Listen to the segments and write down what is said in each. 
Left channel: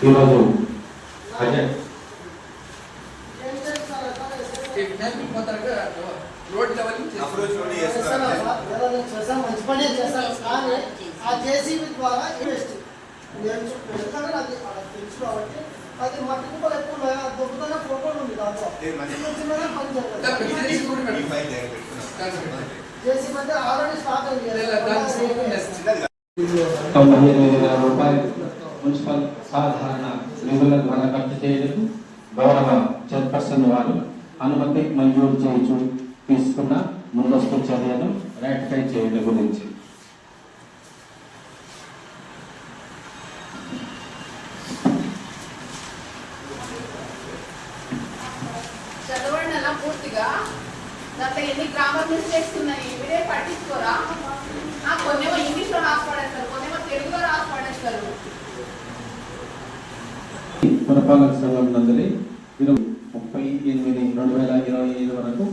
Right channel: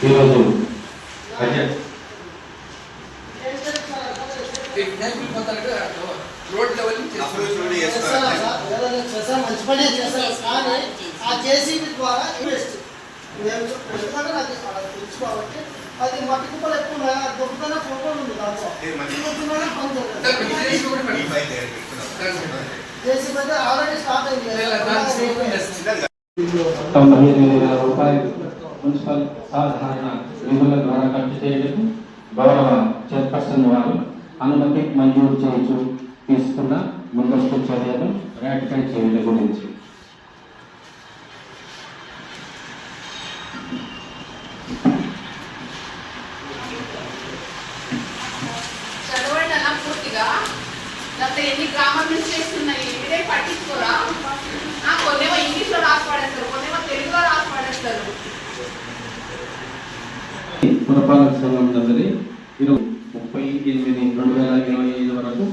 ఈరోజు బడ్జెట్ చేసా మంచి పనే చేశారు కానీ ఆ జేసీబీ ద్వారా ఇన్వెస్ట్ నేను ఎందుకంటే నాకు అలా తెలుసు కాబట్టి అది మట్టి కుప్పలు ఎక్కువ దొరుకుతానే అది ఉంది దాంట్లో ఇది మంచి- పని జరగదు. ఈ అంటే ఆల్రెడీ స్టార్ట్ అయింది తొంభై ఎనిమిది వేల రూపాయలు మున్సిపల్ సాధారణ నిధుల ద్వారా ఖర్చు చేయడం గౌరవ చైర్పర్సన్ వారు అనుమతి మంజూరు చేయించు తీసుకున్న ముందస్తు చర్యలు రాటిఫై చేయడం గురించి అలా పూర్తిగా. గత ఎన్ని గ్రామాల నుంచి చేస్తున్నాయి? మీరే పట్టించుకోరా? ఆ, కొన్నేమో ఇంగ్లీష్లో రాసి పడేస్తారు కొన్నేమో తెలుగులో రాసి పడేస్తారు పురపాలక ఇరవై ముప్పై ఎనిమిది రెండు వేల ఇరవై ఐదు వరకు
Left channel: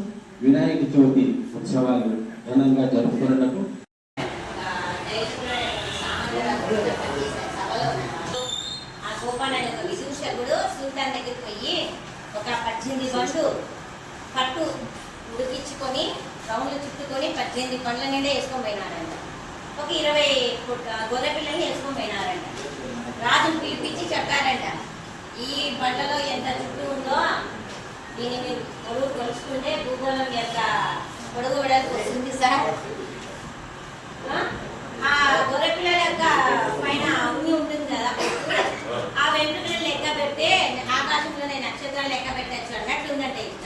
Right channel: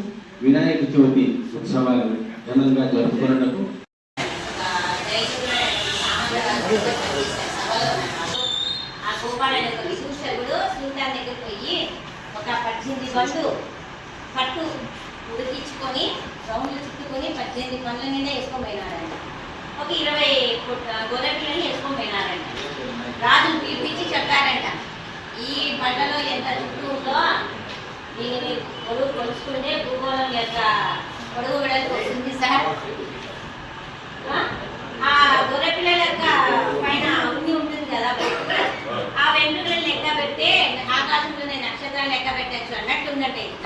వినాయక చవితి ఉత్సవాలు ఘనంగా జరుపుకున్నకు ఆ ఒక విదూషకుడు సుల్తాన్ దగ్గరికి పోయి ఒక పద్దెనిమిది బండ్లు పట్టు ఉడికించుకొని రౌండ్లు చుట్టుకొని పద్దెనిమిది పండ్ల నిండా వేసుకొని పోయినారంట ఒక ఇరవై గొర్రె పిల్లల్ని వేసుకొని పోయినారంట రాజును పిలిపించి చెప్పారంట ఈ బండలో ఎంత చుట్టూ ఉందో దీనిని పొడుగు కొలుచుకుంటే భూగోళం యొక్క పొడుగు వెడల్పు వస్తుంది సార్. ఆ? గొర్రె పిల్లల యొక్క పైన ఉన్ని ఉంటుంది కదా ఆ వెంట్రుకలను లెక్క పెడితే ఆకాశంలోనే నక్షత్రాలు లెక్క పెట్టచ్చు అన్నట్టు ఉందంటే ఇది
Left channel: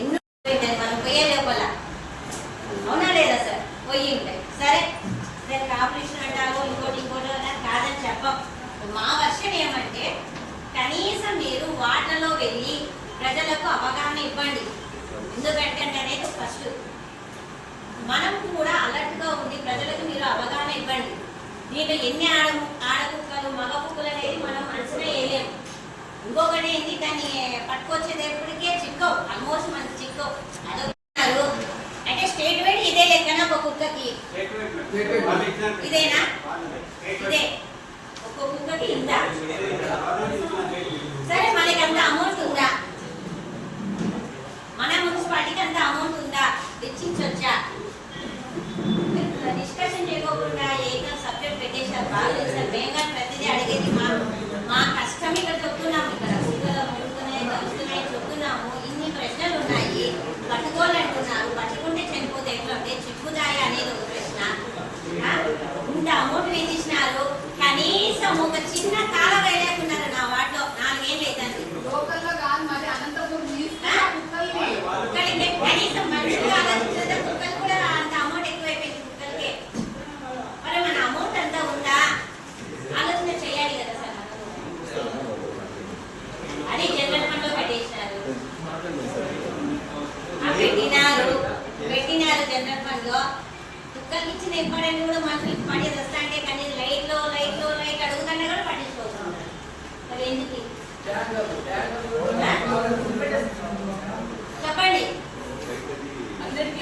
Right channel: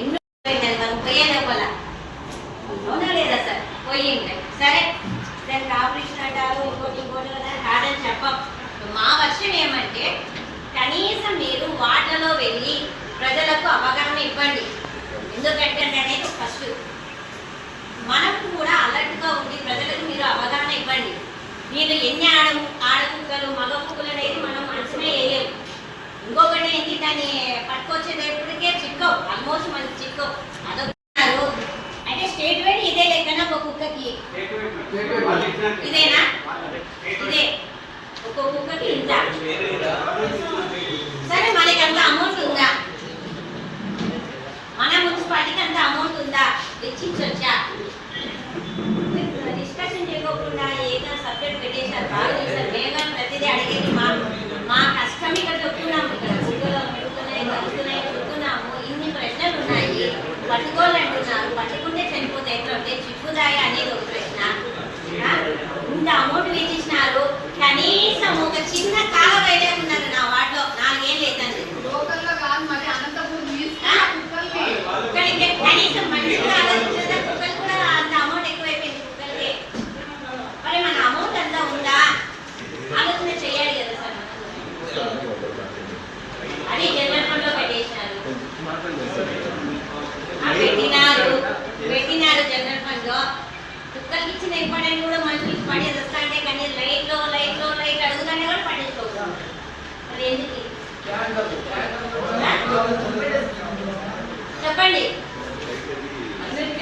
ఎన్నో పెట్టారు మనం పోయే లోపల అవునా లేదా సార్ పోయి ఉంటాయి సరే దానికి ఆపరేషన్ అంటారు ఇంకోటి ఇంకోటి అన్నారు కాదని చెప్పం మా వర్షం ఏమంటే కనీసం మీరు వాటర్లో వెళ్ళి ప్రజలకు అవగాహన ఇవ్వండి ఎందుకంటే ఫస్ట్ మనం కూడా అలర్ట్గా ఉండి ప్రజలకు మీరు అవగాహన ఇవ్వండి. దీనిలో ఎన్ని ఆడ ఆడకుక్కలు మగ కుక్కలు అనేది మనం అంచనా వేయలేము ఇంకొకటి ఏంటి? దాన్ని పట్టుకొచ్చేటప్పటికే చిక్కవు. ఆల్మోస్ట్ మనకి చిక్కవు. అదొకరు అంటే స్టేట్ వైడ్ ఇదే లెక్కన ఒక కుక్కకి. ఇదేనా? ఇదే. ఒక కుక్కకి ఇంత సరే మనకి అంత అమౌంట్ ఉందా మన మున్సిపాలిటీకి అంత అమౌంట్ ఉందా వెచ్చించొచ్చా? డిస్కషన్ చేయకోకుండా ఏదో సబ్జెక్ట్ పెట్టేశారు బాగా చేశారు. మేము ప్రతిదీ అడిగేది మా మా కష్టం ఇక్కడ చెప్తున్నాము ఇక్కడ. కుక్కలు పెరుగుతున్నాయి కలుస్తున్నాయి చెప్తున్నాము. ఇన్ని ప్రశ్నలు ఉన్నాయి. పట్టుకోవాలంటున్నారు. పట్టుకుంటే చనిపోతే ఎట్లా చిక్కుదాయ అనేది ఒక ప్రశ్న. ఇంత అమౌంట్ వేసేసినారు. కనీసం ఒక చిన్న కాల వేయలేకున్నారు నా వాటిలో నాకేం లేదండి లోకల్లో కాదు మరి అనంతపురం తీసుకున్న కుక్కల్ని కుక్కలకి కనీసం మనిషిగా ఆలోచించిన కుక్కలు కూడా అంత అమౌంట్ ఎక్కువైపోయింది కుక్కలకి మరి మన అమౌంట్ అంతా ఉందా ఆలోచన చేయాలి కదా సార్ మనము. అది జనరల్ ఫండ్లో పెట్టేసినారు ఆ, పెట్టినారు. పెట్టినారు జనరల్ ఫండ్లో. కుక్కలకి ఇచ్చిన ఇంపార్టెంట్ కూడా మనుషులకి పడేది వస్తా అంటే కానీ లైట్లో లైట్లో లైట్ అడుగుతానే కూడా మరి ఎందుకు? చెప్పండి. అవుతుంది.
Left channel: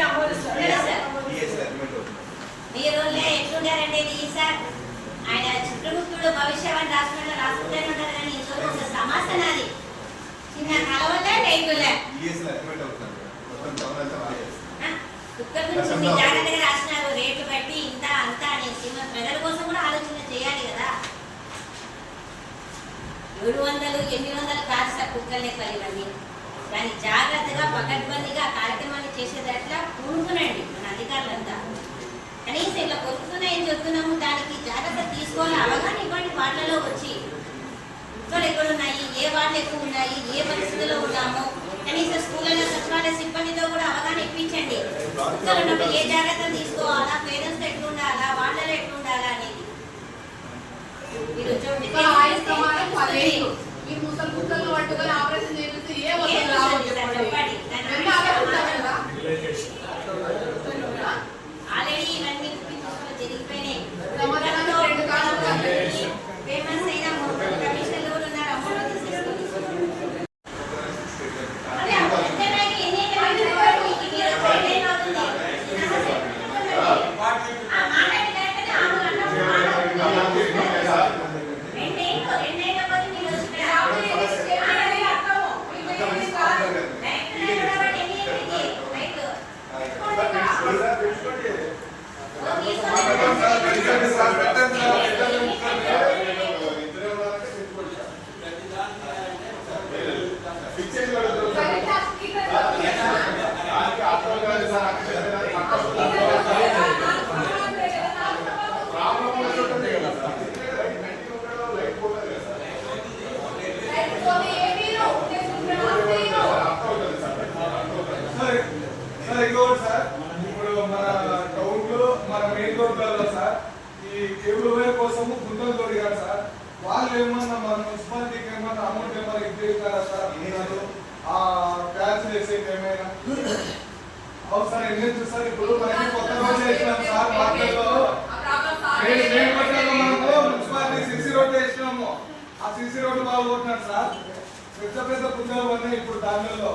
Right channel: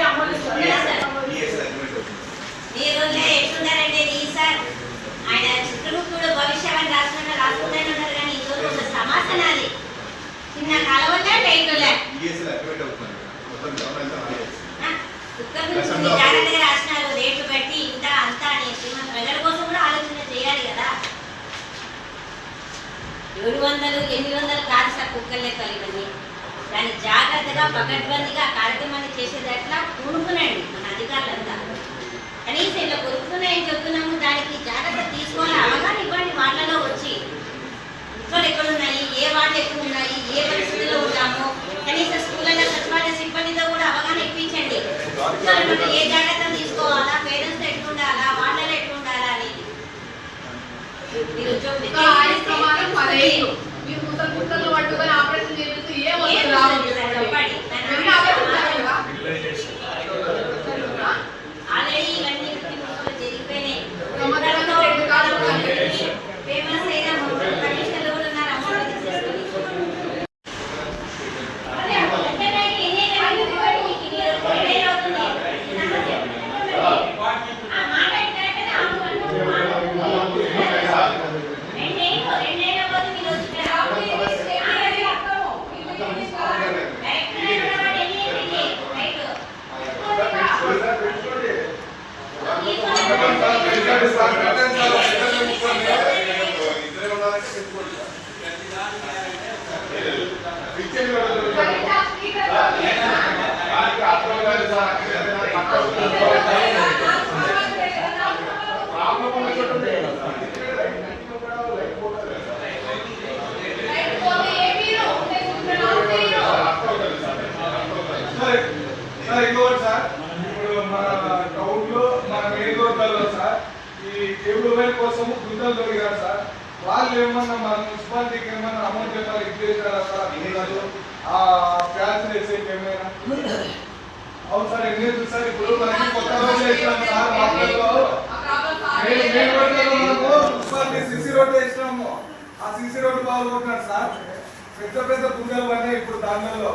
మీరు ఎట్లున్నారంటే ఈ సార్ ఆయన చిత్రముఖుడు భవిష్యవాణి రాసుకున్న రాసుకుంటానే ఉన్నారు కానీ ఇంకొక ఒక సమస్య నాది చిన్న కలవలే లైట్లే DSL జాగ్రత్తగా రేట్లు బట్టి ఇంత అంత అనేసి. ప్రజల కోసం కూడా ఆలోచన చేయాలి కదా. ఏడు వందలు ఎనిమిది వందలు కాదు సార్ కుక్కర్ లెక్కలు ఇవన్నీ. దాన్ని జాగ్రత్తగా పకడ్బందీగా కార్యక్రమాన్ని చేసేటట్లా పూనుకునండి మన అధికారులంతా. కనీసం ఇలా కొరుకుతున్నాయని చెప్తున్నాము దానికి జాగ్రత్త తీసుకోవాలి? అవగాహన ఇవ్వండి వాళ్ళలో వచ్చి. కుక్కలు ఎక్కడ ఉన్నాయి? ఏ వాళ్ళు ఎక్కువ ఉన్నాయి? ఏ పరిస్థితిలో ఉన్నాము? కనీసం స్కూళ్ళలో సిబ్బందితో కూడా అవగాహన ఇప్పించండి. ఏ జాగ్రత్త తీసుకోవాలా? పేరెంట్స్ ఎట్లా ఉండాలా వాళ్ళలో ఎట్లా ఉండాలా అనేది. మీరు ముసలి పట్టుకొని ఆపరేషన్ చేస్తే ఏ ఏం వస్తుంది వస్తుంది రావచ్చు సార్ చెప్పండి ఎన్ని ఆలోచించారు కదా ఆల్రెడీ ఇవన్నీ ముక్కలు జరిగిపోయినాయి సంవత్సరానికి రెండు కాలాలు కలిపి. ఫేమస్ అయిన కమిషనర్లు కూడా ఉన్నారు అమౌంట్ తీసేసుకొని మరి ఆ ఎంత పైకి ఎన్ని ఈ కేబుల్ వైర్ కోసము గుంతలు దొరికారు సార్. వాళ్ళు ఏమన్నా మన మున్సిపాలిటీకి ఏమన్నా అమౌంట్ ఏమన్నా ఇచ్చేసారా సార్ ఆ ప్యాచ్ వేసేకి ఏమైనా? అవును సార్ ఏం సార్? ఇప్పుడు మనకి కొత్త రోడ్ సార్ మార్కెట్లో. మున్సిపాలిటీ సిసి రోడ్ వేసినాము. ఆ సిసి రోడ్డు బాగుంటున్నారు సార్. పెద్ద పెద్ద కుండలు అన్నీ ఇప్పుడు దానిలో.